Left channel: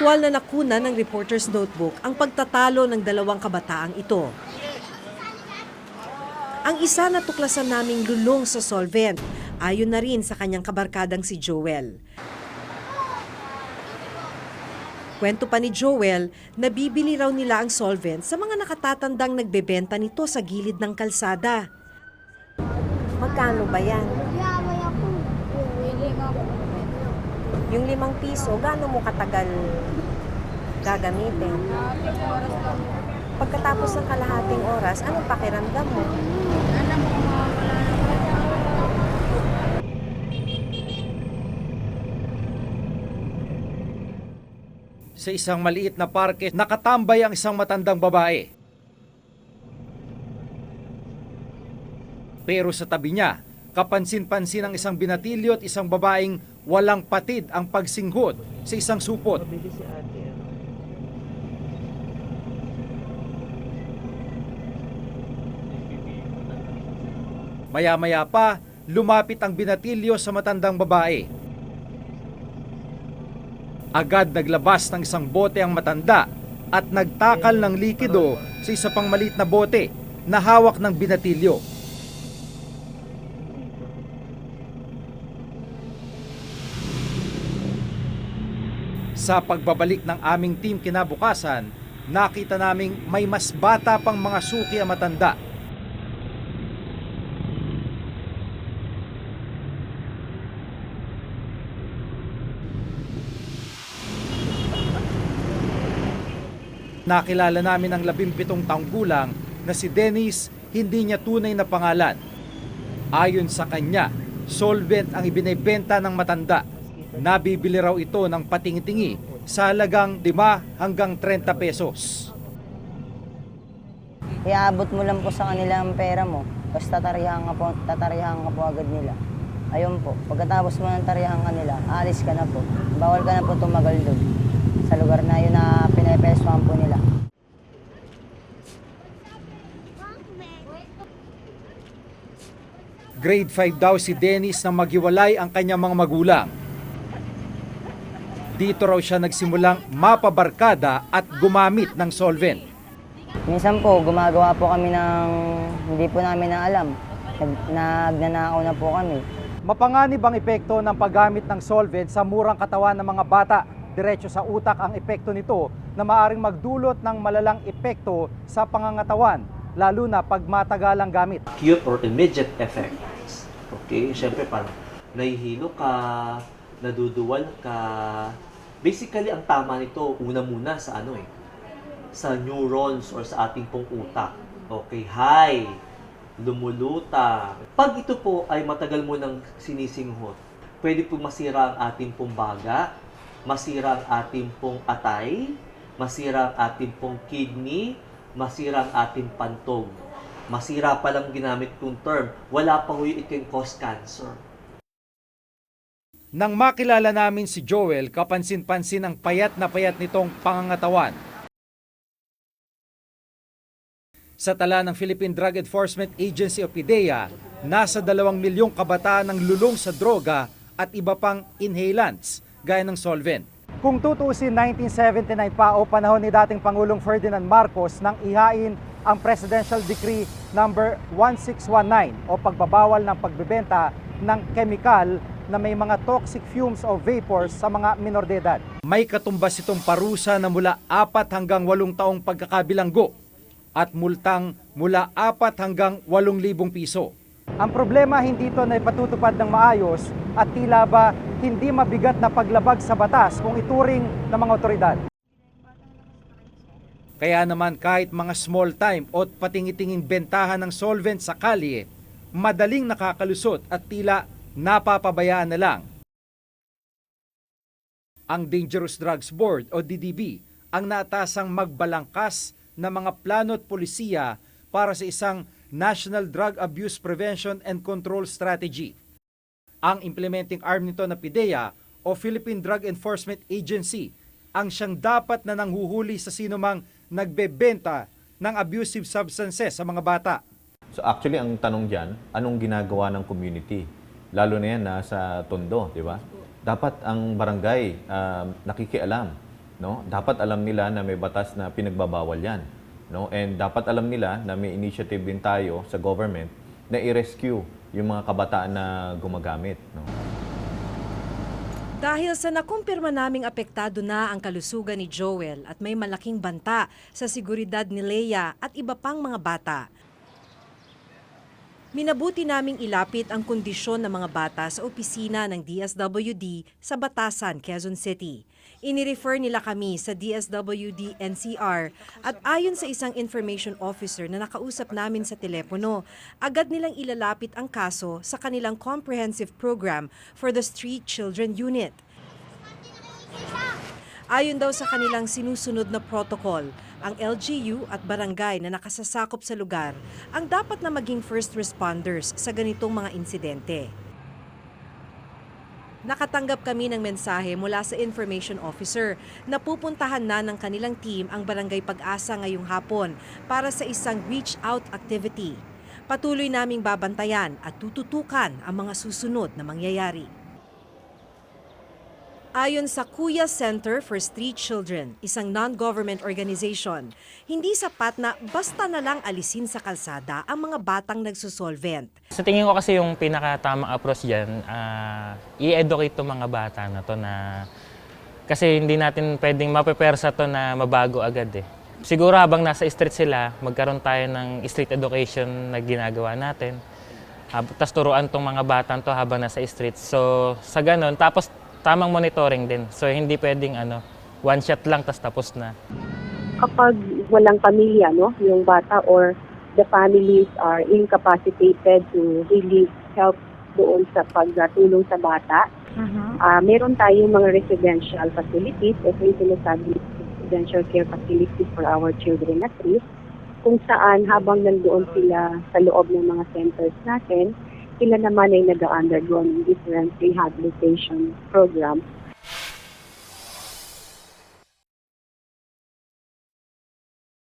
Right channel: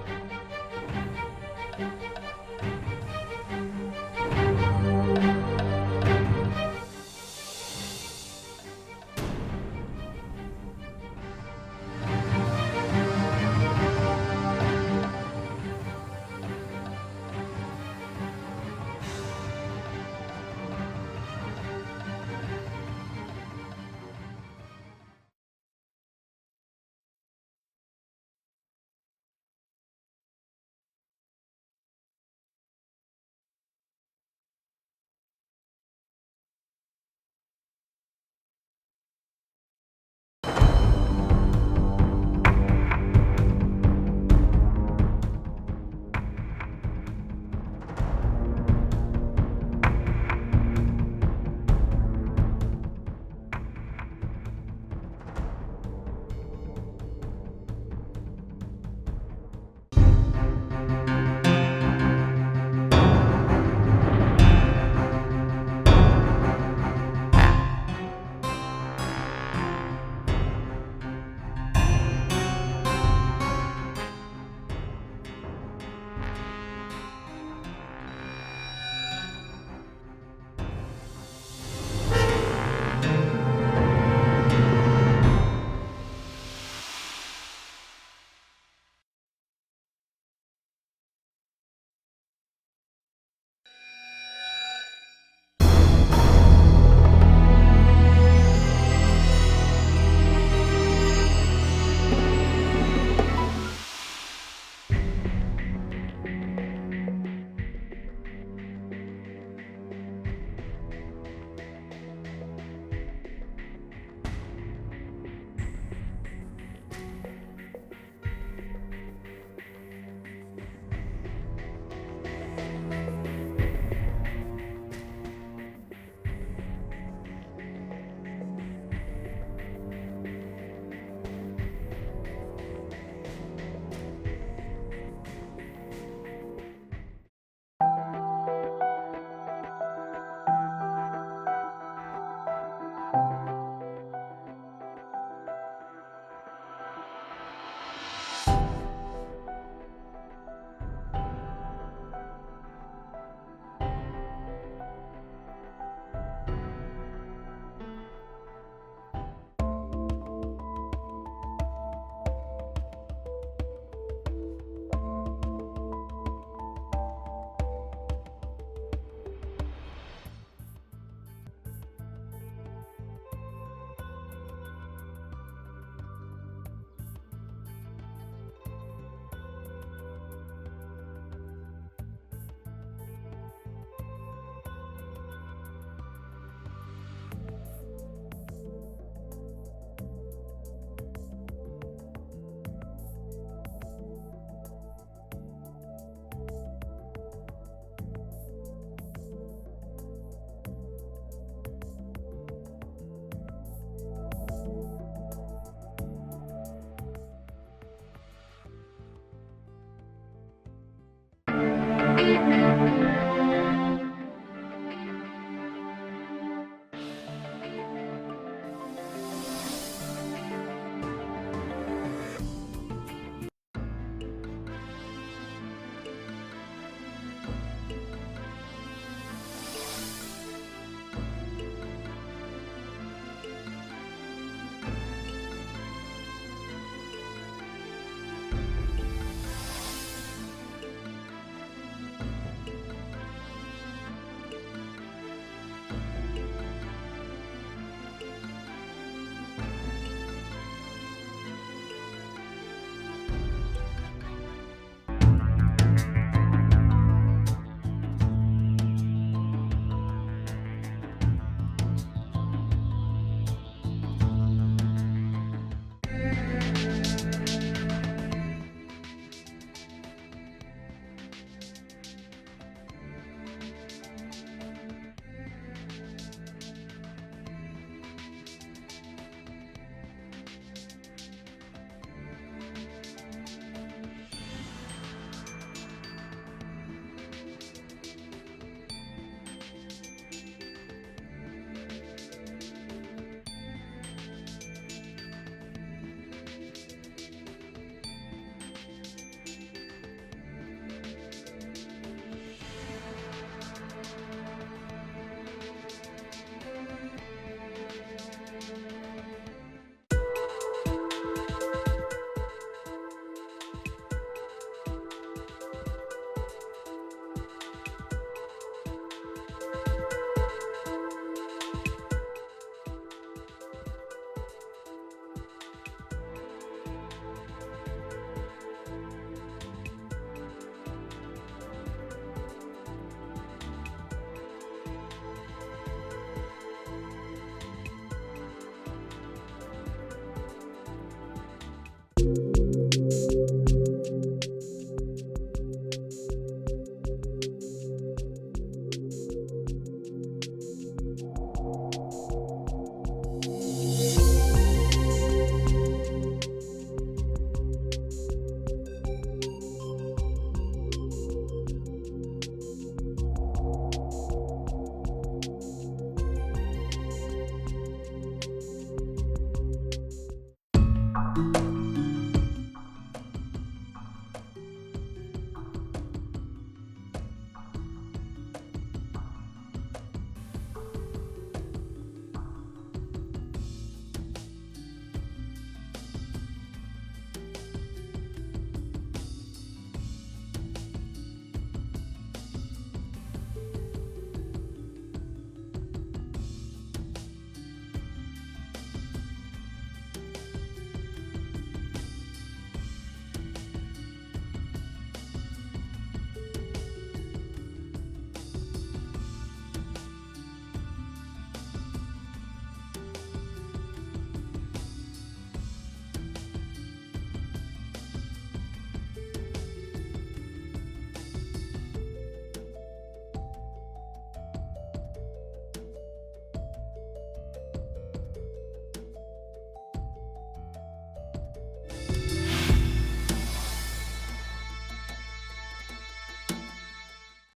Aktwal na nakuna ng reporter's notebook ang pagtatalo ng dalawang kabataang ito. Ang isa natuklasan naming lulong sa solvent, ayon na rin sa kanyang kabarkadang si Joel. Kwento pa ni Joel, nabibili raw nila ang solvent sa mga nakatatandang nagbebenta nito sa gilid ng kalsada. Magkano ba yan? Yung limang piso, gaano mo katagal gagamitin? Pagkatapos ng kalahating oras, anong pakiramdam mo? Sa isang maliit na parke, nakatambay ang isang matandang babae. Pero sa tabi niya, kapansin-pansin ang isang binatilyo at isang babaeng walang patid ang pagsinghot sa isang supot. Maya-maya pa, lumapit ang binatilyo sa matandang babae. Agad naglabas ng isang bote ang matanda at nagtakal ng likido sa isa pang maliit na bote na hawak ng binatilyo. Sa pagbabalik ng aming team kinabukasan, nakita naming may mas bata pang mga suki ang matanda Nakilala namin ang labimpitong taong gulang na si Dennis hindi niya tunay na pangalan. Ayon sa kanya, solvent ang ibinebenta ng matanda. Nabibili raw ito ng patingi-tingi sa halagang 5 hanggang 30 pesos. Iaabot mo lang po sa kanila ang pera mo. Tapos tatarihan ka po, tatarihan ka po agad nila. Ayun po, pagkatapos mo ng tarihan ka nila, alis ka na po. Bawal ka na po tumagal doon. Sa lugar na yun na pinepeswahan po nila. Grade 5 daw si Dennis na maghiwalay ang kanyang mga magulang. Dito raw siya nagsimulang mapabarkada at gumamit ng solvent. Minsan po, gumagawa po kami ng hindi po namin na alam. Nag- Nagnanakaw na po kami. Mapanganib ang epekto ng paggamit ng solvent sa murang katawan ng mga bata. Diretso sa utak ang epekto nito na maaring magdulot ng malalang epekto sa pangangatawan, lalo na pag matagalang gamit. acute or immediate effects. Okay? Siyempre, parang nahihilo ka, naduduwal ka. Basically, ang tama nito, una muna sa ano eh, sa neurons or sa ating pong utak. Okay, high, lumuluta. Pag ito po ay matagal mo nang sinisinghot, pwede po masira ang ating pong baga, masira ang ating pong atay, masira ang ating pong kidney, masira ang ating pantog. Masira pa lang ginamit kong term, wala pa ho yung it can cause cancer. Nang makilala namin si Joel, kapansin-pansin ang payat na payat nitong pangangatawan. Sa tala ng Philippine Drug Enforcement Agency o PIDEA, nasa 2 milyong kabataan ang lulong sa droga at iba pang inhalants gaya ng solvent. Kung tutuusin 1979 pa o panahon ni dating Pangulong Ferdinand Marcos nang ihain ang Presidential Decree number 1619 o pagbabawal ng pagbebenta ng kemikal na may mga toxic fumes o vapors sa mga minor de edad. May katumbas itong parusa na mula 4 hanggang 8 taong pagkakabilanggo at multang mula 4 hanggang 8,000 piso. Ang problema hindi ito na ipatutupad ng maayos at tila ba hindi mabigat na paglabag sa batas kung ituring ng mga otoridad. Kaya naman kahit mga small time o patingitingin bentahan ng solvent sa kalye, madaling nakakalusot at tila napapabayaan na lang. Ang Dangerous Drugs Board o DDB ang natasang magbalangkas ng mga plano at polisiya para sa isang National Drug Abuse Prevention and Control Strategy. Ang implementing arm nito na PIDEA o Philippine Drug Enforcement Agency ang siyang dapat na nanghuhuli sa sinumang nagbebenta ng abusive substances sa mga bata. So actually, ang tanong dyan, anong ginagawa ng community? Lalo na yan nasa tondo, di ba? Dapat ang barangay um, nakikialam no? Dapat alam nila na may batas na pinagbabawal 'yan, no? And dapat alam nila na may initiative din tayo sa government na i-rescue yung mga kabataan na gumagamit, no? Dahil sa nakumpirma naming apektado na ang kalusugan ni Joel at may malaking banta sa seguridad ni Leia at iba pang mga bata. Minabuti naming ilapit ang kondisyon ng mga bata sa opisina ng DSWD sa Batasan, Quezon City. Inirefer nila kami sa DSWD NCR at ayon sa isang information officer na nakausap namin sa telepono, agad nilang ilalapit ang kaso sa kanilang comprehensive program for the Street Children Unit. Ayon daw sa kanilang sinusunod na protocol, ang LGU at barangay na nakasasakop sa lugar ang dapat na maging first responders sa ganitong mga insidente. Nakatanggap kami ng mensahe mula sa information officer na pupuntahan na ng kanilang team ang Barangay Pag-asa ngayong hapon para sa isang reach out activity. Patuloy naming babantayan at tututukan ang mga susunod na mangyayari. Ayon sa Kuya Center for Street Children, isang non-government organization, hindi sapat na basta na lang alisin sa kalsada ang mga batang nagsusolvent. Sa tingin ko kasi yung pinakatamang approach dyan, ah, i-educate to mga bata na to na kasi hindi natin pwedeng mapepersa to na mabago agad eh. Siguro habang nasa street sila, magkaroon tayo ng street education na ginagawa natin. Tapos turuan tong mga batang to habang nasa street. So sa ganun, tapos tamang monitoring din. So hindi pwedeng ano, one shot lang tas tapos na. kapag walang pamilya, no, yung bata or the families are incapacitated to really help doon sa pagtulong sa bata. Ah, meron tayong mga residential facilities, ito yung sinasabi residential care facilities for our children at risk, kung saan habang nandoon sila sa loob ng mga centers natin, sila naman ay nag-undergo ng different rehabilitation programs